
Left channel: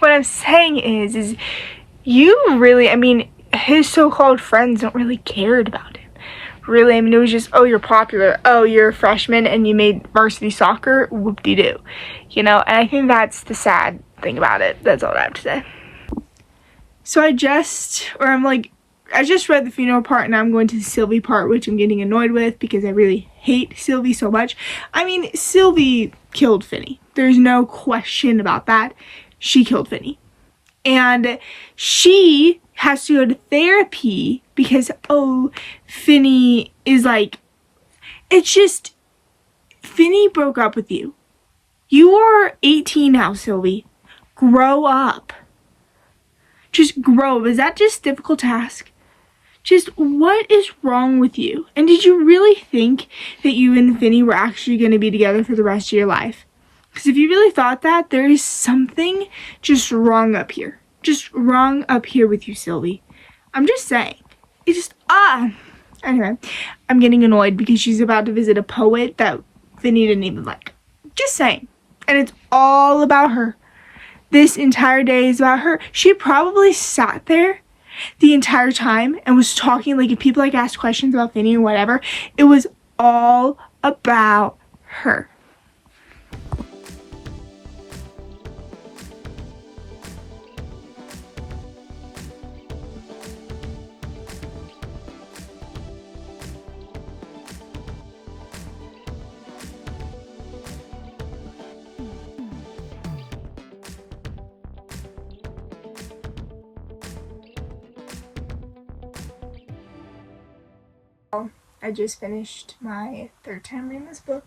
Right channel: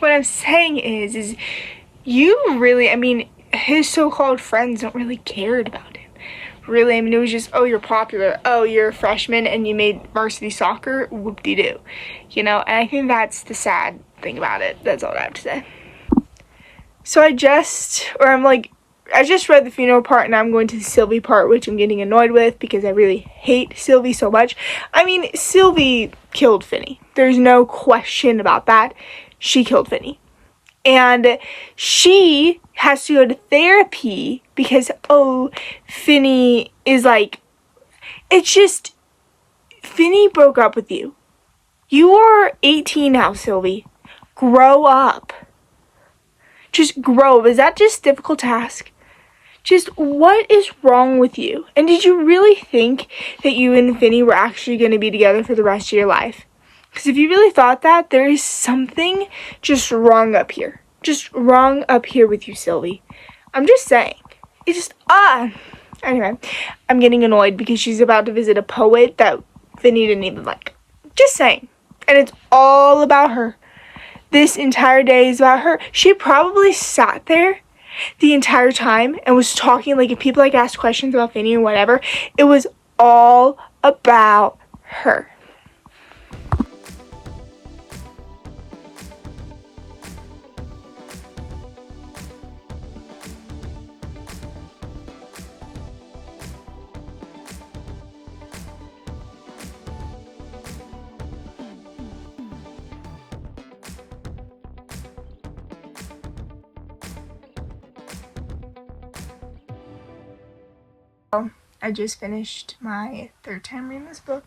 what I'm saying is you really, I mean, his so-called friends don't really care about him. Really, I mean, it was just, oh, you're popular. Oh, you're a freshman and you made varsity soccer. Whoop-de-doo. You know, and I think that's the sad thing about it. That's all I have to say. So I just read the funeral part, and I'm going to the Sylvie part, which I'm getting annoyed with because I really hate Sylvie so much. I mean, Sylvie killed Finney. There's no question about that. She killed Finney. And she has to go to therapy because, oh, Finney is like, it's just, Finney broke up with you. You are 18 now, Sylvie. Grow up. Just grow. Is that just a difficult task? Just what is wrong with you? And did you really think that you and Finney were actually going to be together for the rest of your life? Because if you really thought that, there is something just wrong up here. Just wrong up here with you, Sylvie. I'm just saying. It's just, Anyway, I'm getting annoyed because she's about to visit a poet that Finney didn't even like. Just saying. And it's all about her. This entire day is about her. She probably sat there the entire time and was talking, like, if people, like, asked questions about Finney or whatever, it was all about her. I just finished my 3rd time reading this book,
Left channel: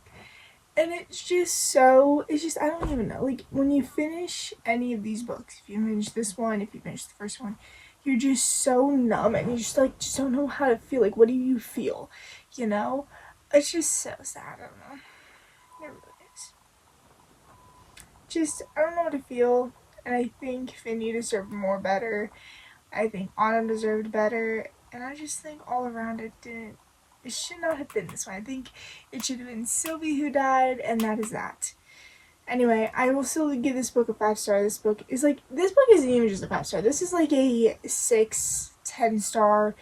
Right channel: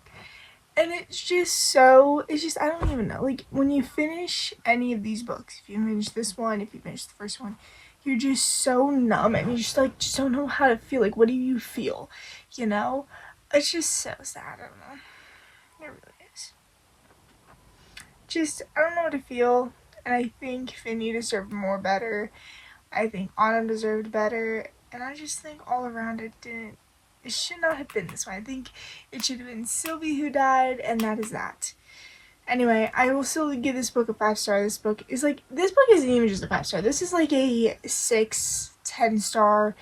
and it's just, I don't even know, like, when you finish any of these books, if you finish this one, if you finish the first one, you're just so numb, and you just, like, just don't know how to feel, like, what do you feel, you know? It's just so sad, I don't know, it really is. Just, I don't know what to feel, and I think Finney deserved more better, I think Autumn deserved better, and I just think all around it should not have been this way. I think it should have been Sylvie who died, and that is that. Anyway, I will still give this book a 5-star. This book isn't even just a 5-star. This is like a 6, 10-star.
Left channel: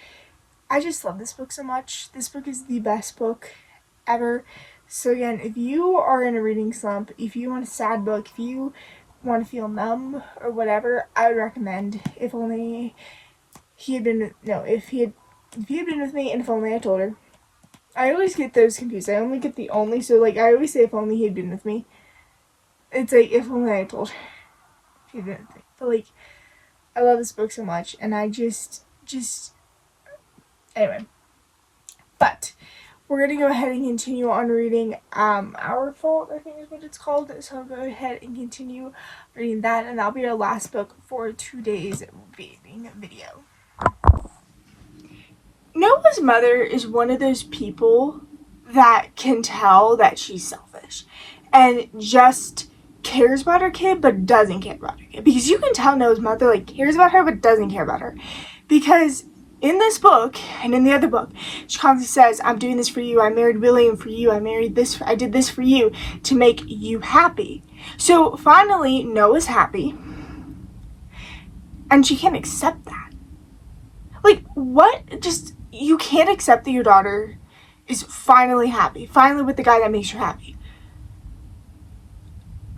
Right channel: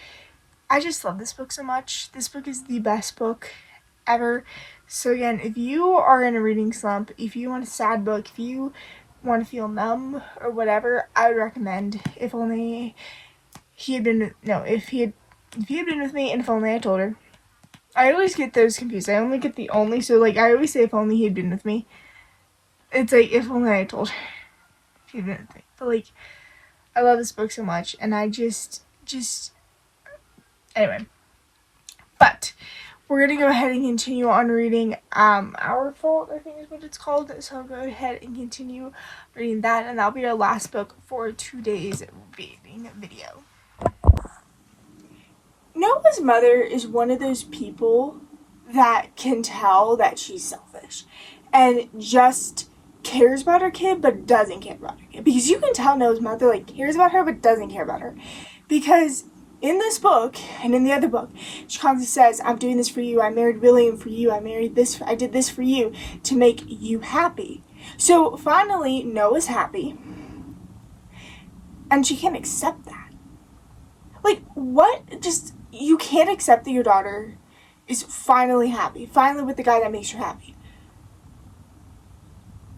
I just love this book so much. This book is the best book ever. So again, if you are in a reading slump, if you want a sad book, if you want to feel numb or whatever, I would recommend If He Had Been With Me, and If Only I Told Her. I always get those confused. I only get the only, so, like, I always say If Only He Had Been With Me. It's like, If Only I Told Her. If He Had Been With Me. But, like, I love this book so much, and I just, anyway. But, we're going to go ahead and continue on reading, Our Fault, I think is what it's called. So I'll go ahead and continue reading that, and that'll be our last book for today's reading video. Noah's mother is one of those people that can tell that she's selfish and just cares about her kid but doesn't care about her kid. Because you can tell Noah's mother, like, cares about her but doesn't care about her. Because in this book and in the other book, she constantly says, I'm doing this for you. I married William for you. I did this for you to make you happy. So finally, Noah's happy. And she can't accept that. Like, what? Just, you can't accept that your daughter is finally happy. Finally with the guy that makes her happy.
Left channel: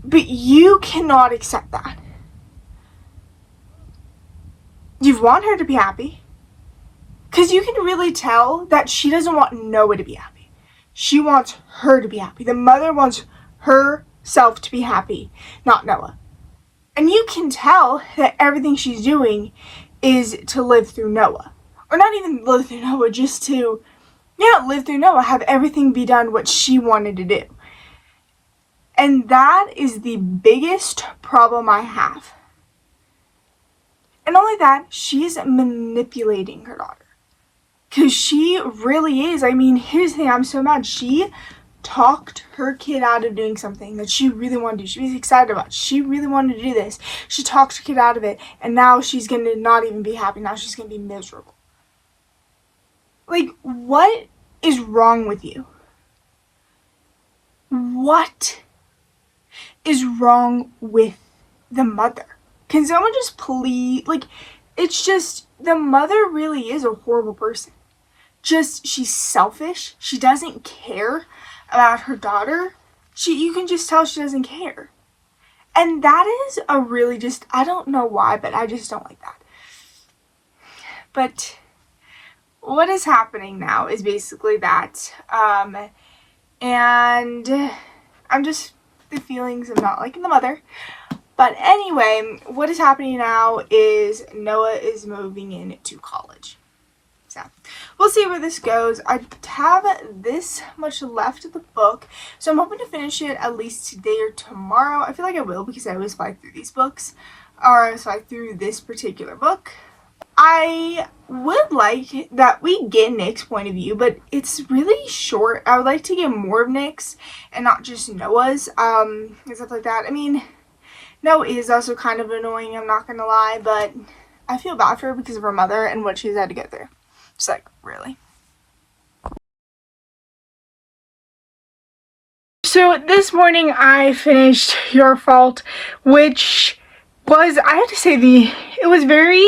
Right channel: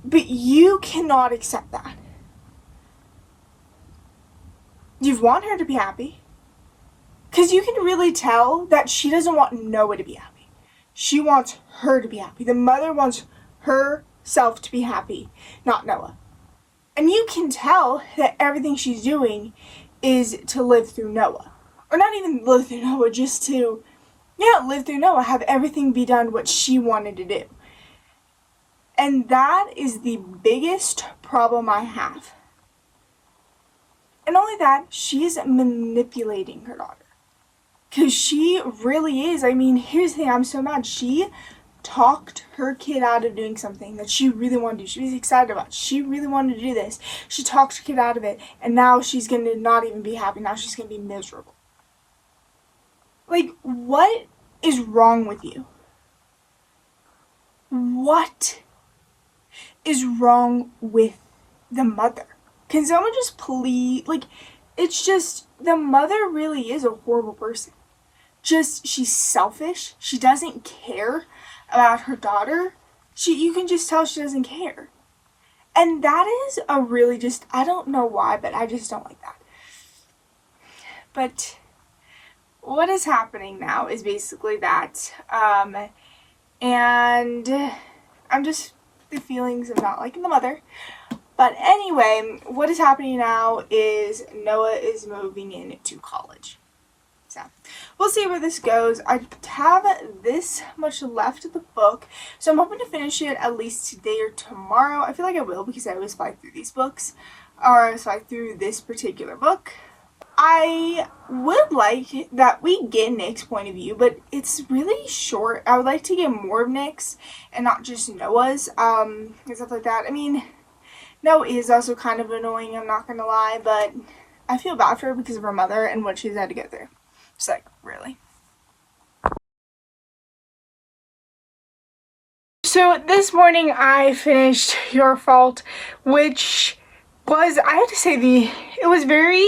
But you cannot accept that. You want her to be happy. Because you can really tell that she doesn't want Noah to be happy. She wants her to be happy. The mother wants herself to be happy, not Noah. And you can tell that everything she's doing is to live through Noah. Or not even live through Noah, just to, live through Noah. Have everything be done what she wanted to do. And that is the biggest problem I have. And not only that, she's manipulating her daughter. Because she really is. I mean, here's the thing, I'm so mad. She talked her kid out of doing something that she really wanted to do. She was excited about. She really wanted to do this. She talked her kid out of it. And now she's going to not even be happy. Now she's going to be miserable. Like, what is wrong with you? What is wrong with the mother? Can someone just please, like, it's just, the mother really is a horrible person. Just, she's selfish. She doesn't care about her daughter. You can just tell she doesn't care. And that is a really just, I don't know why, but I just don't like that. But what is happening now is basically that, and I'm just, the feelings of not liking the mother. But anyway, what is happening now is Noah is moving into college. So, we'll see where this goes. I have this much left of the book, so I'm hoping to finish it at least today or tomorrow. I feel like I will because I always fly through these books, or fly through this particular book. I would like that we get Nick's point of view, but it's really short. I would like to get more of Nick's and not just Noah's, and stuff like that. I mean, Noah is also kind of annoying, I'm not gonna lie, but I feel bad for her because of her mother and what she's had to go through. Just like, really. So this morning I finished Your Fault, which was, I have to say, it was very,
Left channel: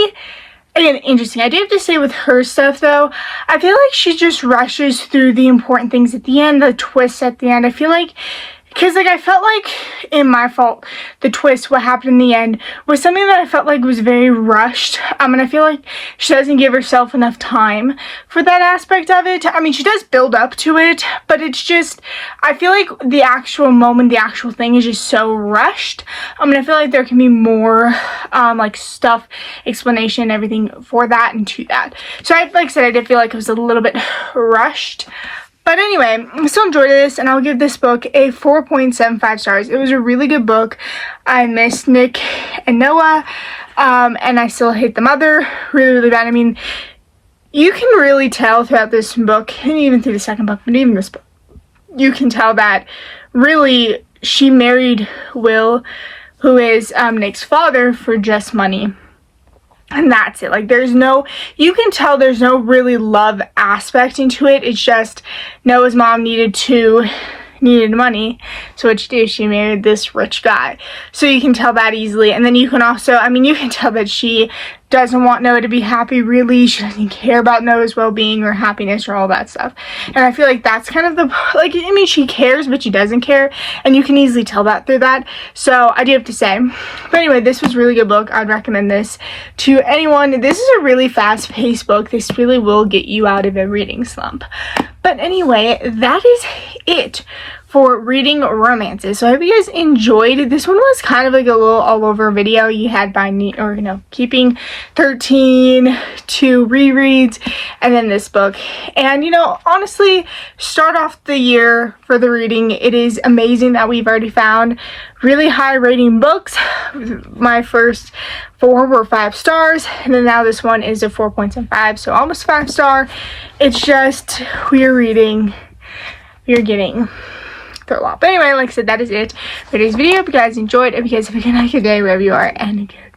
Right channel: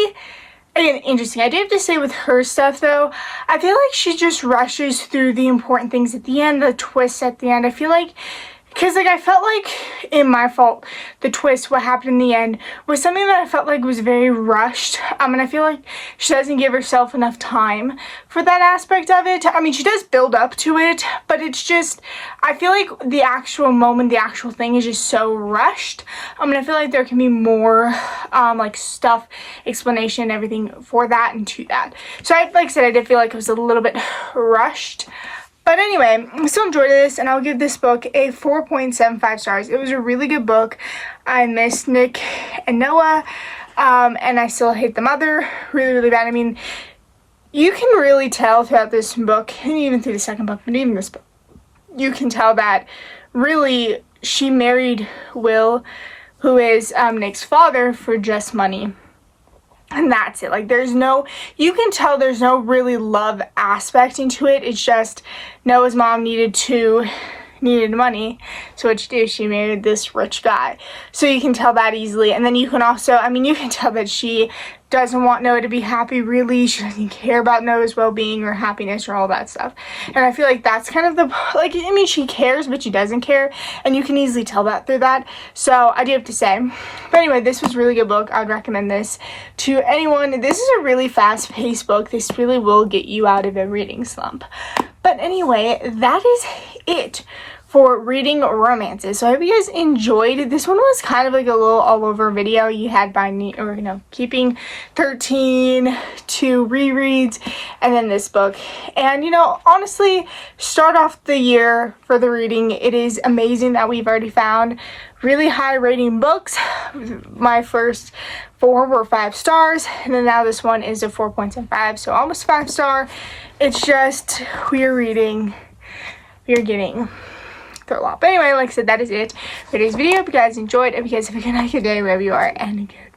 again, interesting. I do have to say with her stuff though, I feel like she just rushes through the important things at the end, the twists at the end. I feel like, because like I felt like in My Fault, the twist, what happened in the end, was something that I felt like was very rushed. And I feel like she doesn't give herself enough time for that aspect of it. I mean, she does build up to it, but it's just, I feel like the actual moment, the actual thing is just so rushed. I feel like there can be more, like stuff, explanation, everything for that and to that. So like I said, I did feel like it was a little bit rushed. But anyway, I still enjoyed this, and I'll give this book a 4.75 stars. It was a really good book. I missed Nick and Noah, and I still hate the mother really, really bad. I mean, you can really tell throughout this book, and even through the second book, but even this book, you can tell that really she married Will, who is Nick's father, for just money. And that's it. Like, there's no, you can tell there's no really love aspect into it. It's just Noah's mom needed money. So what she did, she married this rich guy. So you can tell that easily. And then you can also, you can tell that she doesn't want Noah to be happy, really. She doesn't care about Noah's well-being or happiness or all that stuff. And I feel like that's kind of the, like, she cares, but she doesn't care. And you can easily tell that through that. So I do have to say. But anyway, this was a really good book. I would recommend this to anyone. This is a really fast-paced book. This really will get you out of a reading slump. But anyway, that is it for reading romances. So I hope you guys enjoyed. This one was kind of like a little all over video. You had keeping 13, 2 rereads, and then this book. And honestly, start off the year for the reading. It is amazing that we've already found really high rating books. My first 4 were 5 stars, and then now this one is a 4.75, so almost 5 star. It's just, we're getting through a lot. But anyway, like I said, that is it for today's video. If you guys enjoyed, if you guys have a good night, good day, wherever you are, and good